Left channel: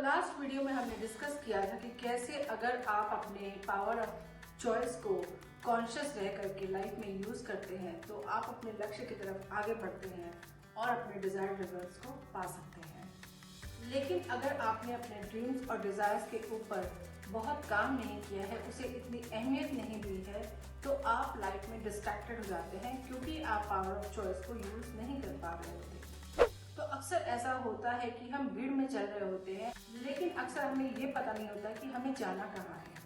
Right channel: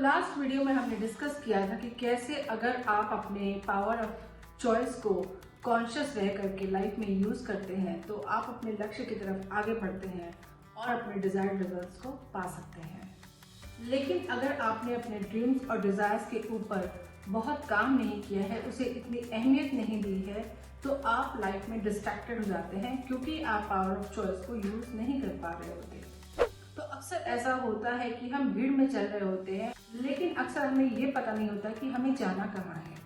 Last video में हमने discuss किया था कि कैसे अगर आप अपने पावर ऑफ चॉइस को कॉन्शियस रह करके लाइफ में यूज करते हैं तो आप अपने लक्ष्य की तरफ आगे बढ़ते हैं और अपने डिजायर्ड रिजल्ट्स को पा सकते हैं। लेकिन अगर आपने अपने ड्रीम्स और डिजायर्स के ऊपर बहुत काम नहीं किया है, उसे इतनी अहमियत नहीं दी है, तो आप लाइफ में डिस्ट्रैक्टेड हो जाते हैं क्योंकि आप पावर ऑफ चॉइस को यूज नहीं कर पा रहे होते। तो अक्सर ऐसा होता है कि हम भीड़ में चल रहे होते हैं, लेकिन अक्सर हमें ये पता नहीं होता कि हमें जाना कहाँ है।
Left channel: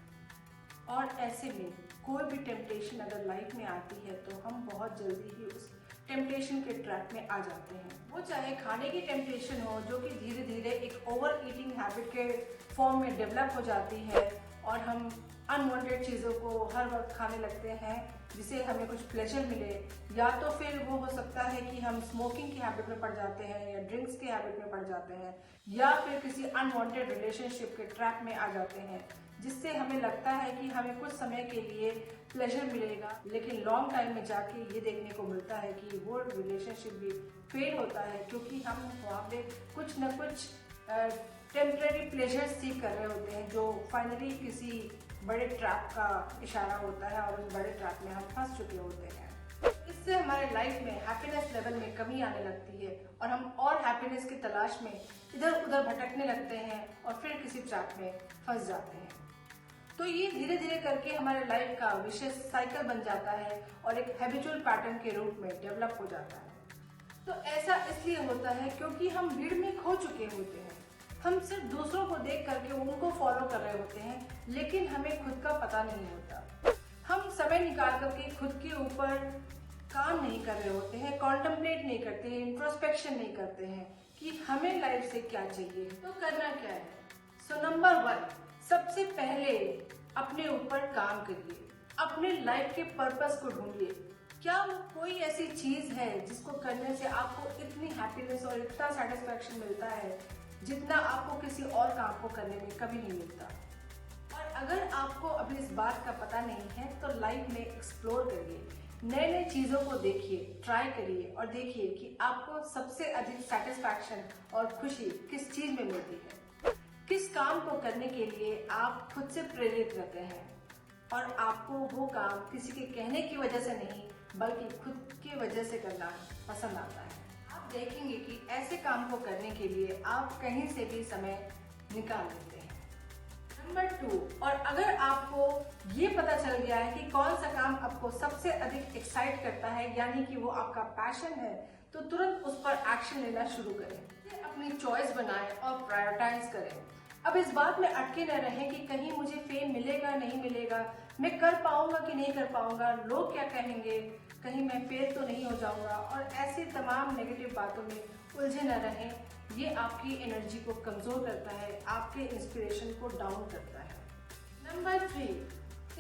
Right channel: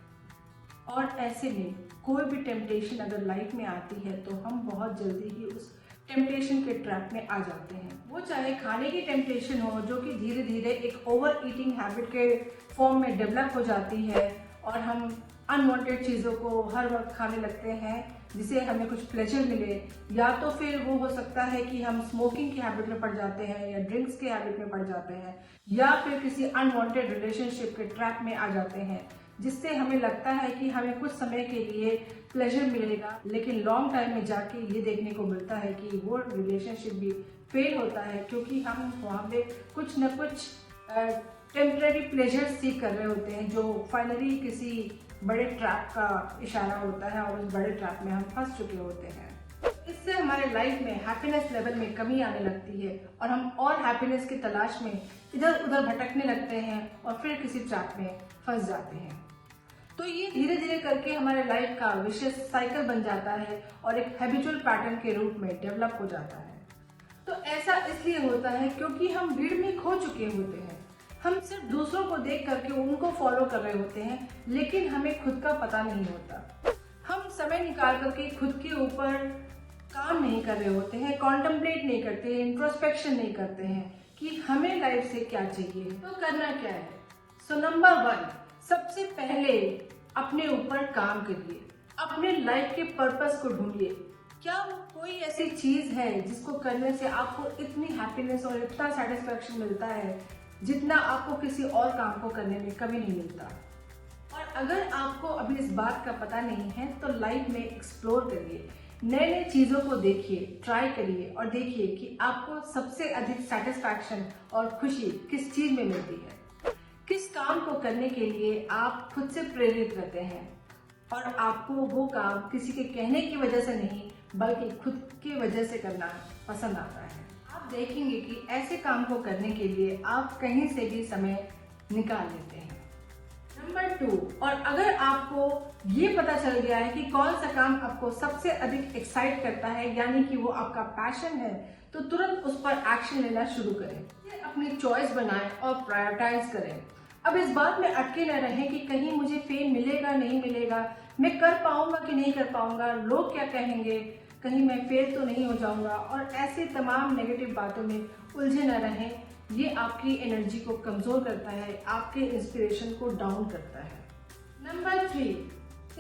और ऐसे में कोई भी टेम्पटेशन अगर लाइफ में आती है तो हम बहुत जल्दी ही उस टेम्पटेशन के ट्रैप में आ जाते हैं। वो चाहे खाने की टेम्पटेशन हो, जो कि धीरे धीरे एक ओवर ईटिंग हैबिट के फॉर्म में डेवलप हो जाती है और हम अनवांटेड चीज़ों को हर वक्त खाने लगते हैं जिसे हमें कुछ प्लेजर मिले, या तो फिर वो हो सकता है कि हम स्मोकिंग की हैबिट में पड़ जाते हैं या ड्रिंक्स के हैबिट में पड़ जाते हैं, या फिर किसी अनवांटेड रिलेशनशिप के ट्रैप में आ जाते हैं जिससे हमें लगता है कि हमें कुछ समय के लिए प्लेजर मिलेगा, लेकिन लॉन्ग टाइम में जाके ये देखने को मिलता है कि वो रिलेशनशिप भी फेल होता है क्योंकि हम वहाँ पे कुछ न कुछ टेम्परेरी प्लेजर सीख कर रहे होते हैं जो फाइनली किसी बड़े ट्रैप का इशारा होता है और उस बड़े ट्रैप में हम फंस चुके होते हैं। इससे हमारे लाइफ में हैप्पीनेस लेवल में कमी आने लगती है और हम और हैप्पीनेस की तलाश में इधर उधर भटकने लगते हैं और फिर किसी ट्रैप में फंस जाते हैं। तो ये धीरे धीरे करके हमारे लाइफ का विशेष साइकिल बन जाता है और एक हैबिचुअल पैटर्न के रूप में डेवलप हो जाता है। तो ऐसा इसलिए होता है क्योंकि हम भीड़ में खो चुके होते हैं। हम सिर्फ दूसरों को देख करके उनको फॉलो कर रहे होते हैं, लेकिन हमें खुद का पता नहीं होता। हम समय निकाल करके खुद के ऊपर काम नहीं कर रहे होते हैं, कॉन्टेम्पलेट नहीं करते हैं, इंट्रोस्पेक्शन नहीं करते हैं कि हमें लाइफ से क्या चाहिए, तो करना क्या है। सो नंबर 1, सबसे पहले अपने ऊपर काम करिए, अपने लाइफ के पर्पस को ढूंढिए। क्या कोई ऐसी चीज है जिसको करने से आपको इतनी हैप्पीनेस और इतना सेटिस्फैक्शन मिलता है जितना आपको किसी और काम को करने में कभी नहीं मिलता। और अगर आपको अभी इस बात का पता नहीं है तो लाइफ में एक्सप्लोर करिए, नए नए चीज़ों को देखिए, ट्राई करिए और देखिए कि आपको सबसे अधिक सेटिस्फैक्शन और खुशी किस चीज़ में मिलती है। किस काम को करने के लिए आप खुद से प्रेरित रहते हैं और आपको वो काम किसी के कहने की वजह से नहीं बल्कि खुद की वजह से करना पसंद आता है। आप देखेंगे कि ऐसे काम को करने के लिए आप कहीं से भी समय निकाल लेते हैं। नंबर 2, और अगर आपको ये पता चल गया है कि कौन सा काम आपको सबसे अधिक एक्साइट करता है, यानी कि वो आपका पैशन है, तो तुरंत उस पर एक्शन लेना शुरू करें। अपनी चॉइस बनाएं और प्रायोरिटाइज करें। अब इस बात में अटके न रहें कि कहीं मुझे फेम मिलेगा नहीं मिलेगा, मैं कर पाऊंगा कि नहीं कर पाऊंगा, लोग क्या कहेंगे, कहीं मैं फेल तो नहीं हो जाऊंगा, और ऐसे तमाम नेगेटिव बातों में उलझे न रहें। ये आपकी एनर्जी को कमजोर करता है, आपके इंस्पिरेशन को डाउन करता है। नंबर 3,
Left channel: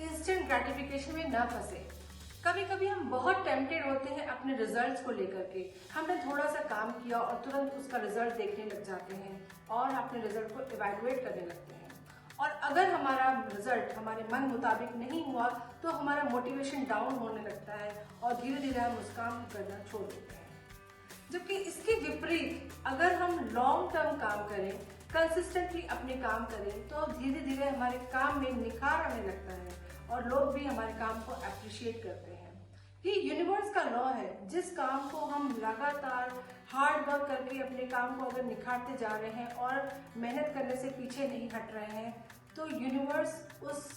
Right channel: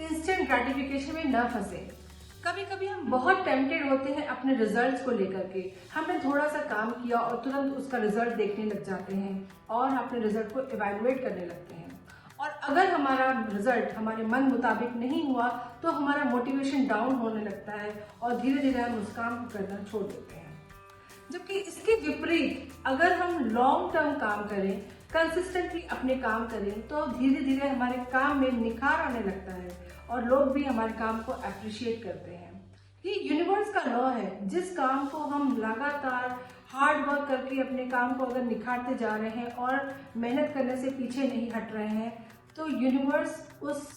इंस्टेंट ग्रेटिफिकेशन में न फंसे। कभी कभी हम बहुत टेम्पटेड होते हैं अपने रिजल्ट्स को लेकर के। हमने थोड़ा सा काम किया और तुरंत उसका रिजल्ट देखने लग जाते हैं और अपने रिजल्ट को इवैल्यूएट करने लगते हैं। और अगर हमारा रिजल्ट हमारे मन मुताबिक नहीं हुआ तो हमारा मोटिवेशन डाउन होने लगता है और धीरे धीरे हम उस काम को करना छोड़ देते हैं। जबकि इसके विपरीत अगर हम लॉन्ग टर्म काम करें, कंसिस्टेंटली अपने काम करें, तो धीरे धीरे हमारे काम में निखार आने लगता है और लोग भी हमारे काम को अप्रिशिएट करते हैं। ये यूनिवर्स का लॉ है। जिस काम को हम लगातार हार्ड वर्क करके अपने काम को अगर निखारते जा रहे हैं और मेहनत करने से पीछे नहीं हट रहे हैं, तो यूनिवर्स उस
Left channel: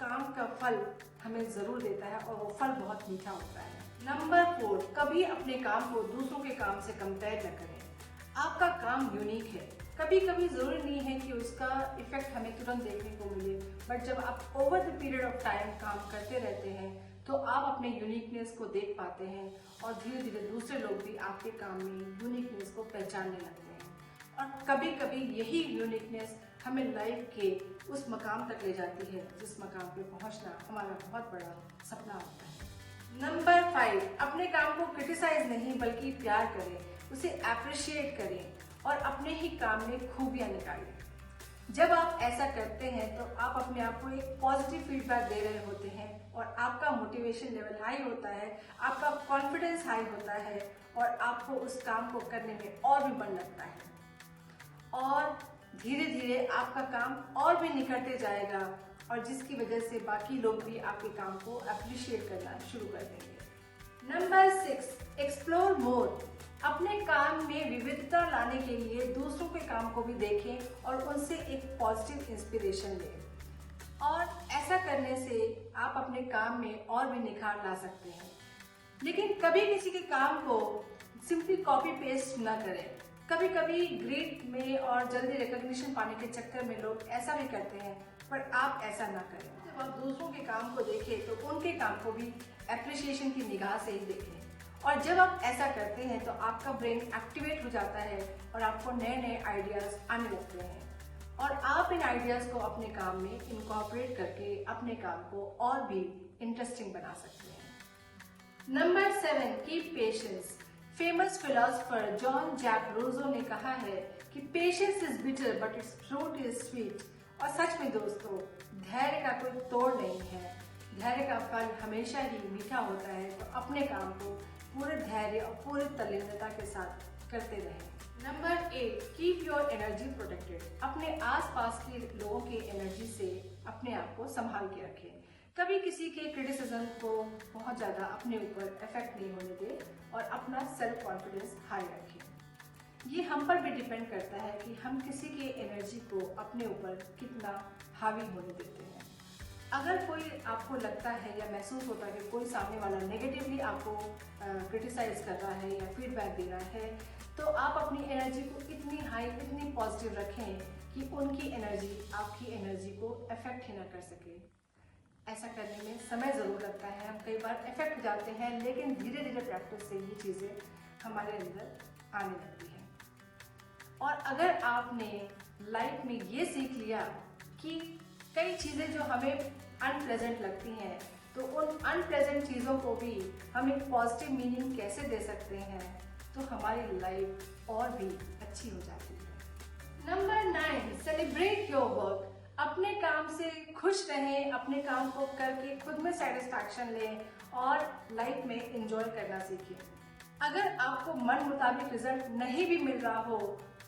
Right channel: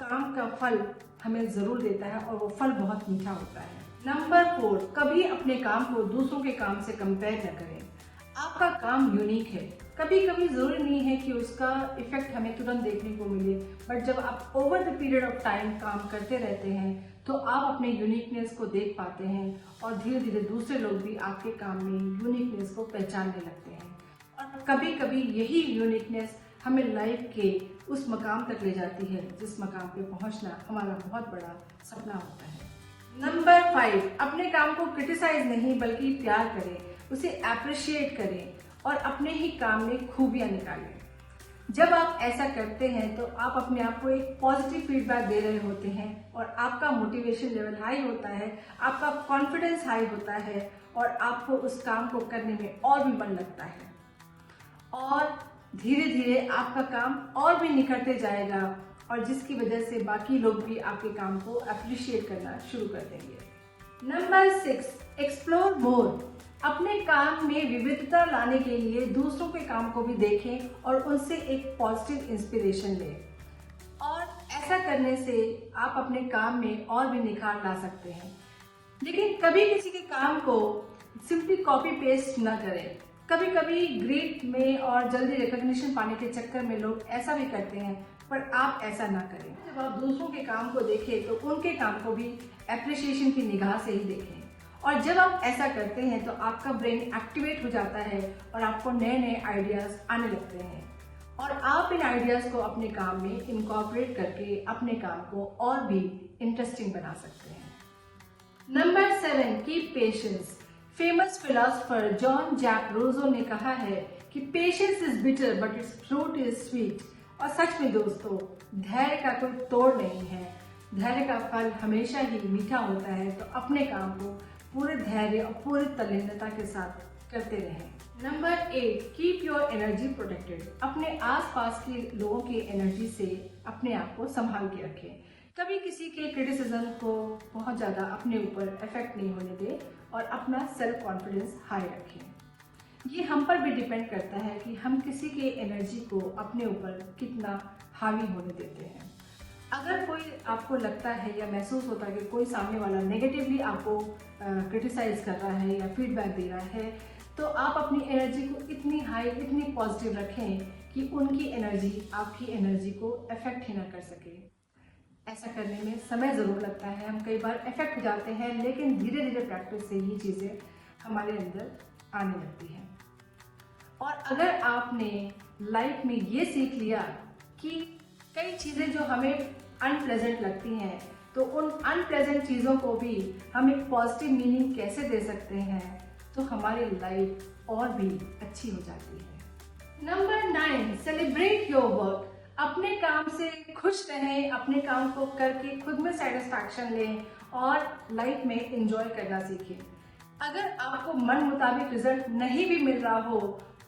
काम का फल हमें जरूर देता है और वो फल बहुत मीठा होता है। नंबर 4, कभी अपने काम को दूसरों के काम से कंपेयर न करें। आपका काम यूनिक है। कभी कभी जरूरी नहीं है कि उसका इफेक्ट हमें तुरंत देखने को मिले, बट जब आप over the period of time काम करते रहते हैं तो आप अपने यूनिकनेस को देख पाते हैं और धीरे धीरे दूसरे लोग भी आपके काम में यूनिकनेस को पहचानने लगते हैं। और कभी कभी यही यूनिकनेस हमें लाइफ के उस मकाम तक ले जाती है जिस मकाम पे पहुंचना हमारा बहुत बड़ा सपना होता है। नंबर 5, अपने काम को क्रिटिसाइज नहीं बल्कि प्यार करें, उसे अप्रिशिएट करें और अपने ही काम में खूबियां निकालें। जब आप ऐसा करते हैं तो आप अपने आप को एक पॉजिटिव फीडबैक दे रहे होते हैं और आपका मोटिवेशन लेवल हाई होता है, आपका कॉन्फिडेंस हाई होता है और आपको उस काम को करने में और भी मन लगता है। और धीरे धीरे आपका काम और भी निखरते जाएगा और जिसकी वजह से बाकी लोग भी आपके काम को अप्रिशिएट करना शुरू कर देंगे। Number 6, explore more. अपने काम में विविधता लाने के लिए दूसरों के काम को भी देखें और उनसे एक पॉजिटिव इंस्पिरेशन लें, और ऐसा करने से आप अपने काम में और भी निखार ला सकते हैं। लेकिन कभी किसी के काम को सिंपली कॉपी पेस्ट न करें। कभी कभी ग्रेड में और जल्दी रिकॉग्निशन पाने के चक्कर में लोग ऐसा भी करते हैं, पर आप ऐसा ना करें। जब आप दूसरों के काम को देखें तो उनके काम को भी एप्रिसिएशन की निगाह से ही देखें, और जब आप ऐसा करते हैं तो आपका ब्रेन एक्टिवेट हो जाता है और आपको नए नए आइडियाज आने लगते हैं, और आप इन आइडियाज को अपने काम में इनकॉर्पोरेट करके अपने काम को और भी इंटरेस्टिंग बना सकते हैं। Number 7, keep patience. Famous philosopher Jean Jacques Rousseau ने कहा है कि patience is bitter but its fruit is sweet. और सच में दोस्तों, धैर्य का कोई तोड़ नहीं है। धैर्य का फल हमेशा ही मीठा होता है। तो अपने काम को पूरे धैर्य और पूरी तल्लीनता के साथ करते रहें। Number 8, keep your energy protected. अपने आसपास के लोगों की एनर्जी से अपने आप को संभाल के रखें। कभी किसी के क्रिटिसिज्म को बहुत ज़्यादा अपने ऊपर इफेक्ट नहीं होने दें और अपना सेल्फ कॉन्फिडेंस हाई रखें। ये हम पर भी डिपेंड करता है कि हम किसी के एनर्जी को अपने ऊपर कितना हावी होने देते हैं। अगर कोई आपको लगता है या महसूस होता है कि कोई सामने वाला नेगेटिवली आपको क्रिटिसाइज कर रहा है या फीडबैक दे रहा है, तो आप अपनी एनर्जी को इतनी हाई, इतनी पॉजिटिव रखें कि उनकी एनर्जी आपकी एनर्जी को अफेक्ट ही ना कर सके। ऐसा करने में समय ज़रूर लगता है, हम कई बार अफेक्ट हो जाते हैं, लेकिन धीरे धीरे प्रैक्टिस से ये चीज़ें हमारे अंदर आने लगती हैं। और अगर आपने लाइफ में ये सीख लिया कि कई चीज़ें जो हमें अनप्लेजेंट लगती हैं, तो उन अनप्लेजेंट चीज़ों को भी हम एक पॉजिटिव मीनिंग कैसे दे सकते हैं, तो हमारी लाइफ और भी अच्छी हो जाती है। Number 9, celebrate your work. अपने काम से खुश रहें, अपने काम को करके खुद में सेटिस्फैक्शन लें और लाइफ में एंजॉय करना सीखें। अगर आपको मन मुताबिक रिजल्ट नहीं भी मिल रहा हो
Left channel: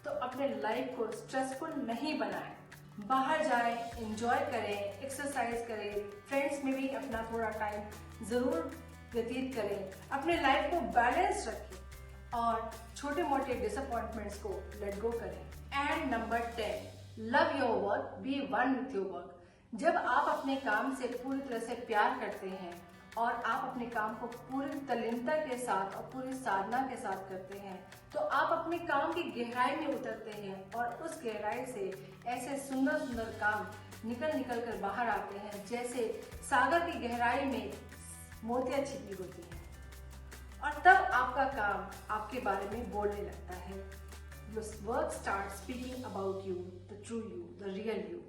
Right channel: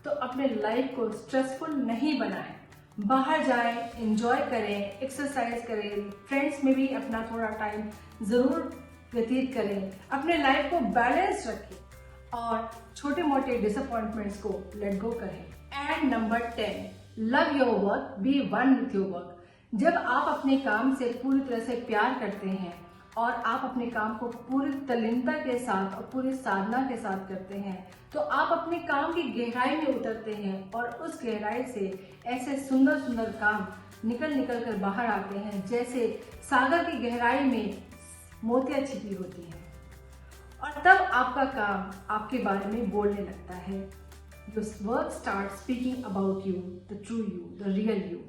तो अपने लाइफ को स्ट्रेसफुल नहीं बनाएं। बाहर जाएं, एंजॉय करें, एक्सरसाइज करें, फ्रेंड्स में भी अपना थोड़ा टाइम ज़रूर व्यतीत करें। अपने लाइफ को बैलेंस रखें और छोटे मोटे डिसअपॉइंटमेंट्स को लेट गो करें। And number 10, love your work, be one with your work. जब आप अपने काम से पूरी तरह से प्यार करते हैं और आप अपने काम को पूरी तल्लीनता के साथ और पूरी साधना के साथ करते हैं, तो आप अपने काम की गहराई में उतरते हैं और उस गहराई से ऐसे सुंदर सुंदर काम निकल कर बाहर आते हैं, जैसे सागर की गहराई में मोतियां छिपी होती हैं। और तब आपका काम आपके बारे में बोलने लगता है। Your work starts speaking about you, the true you, the real you.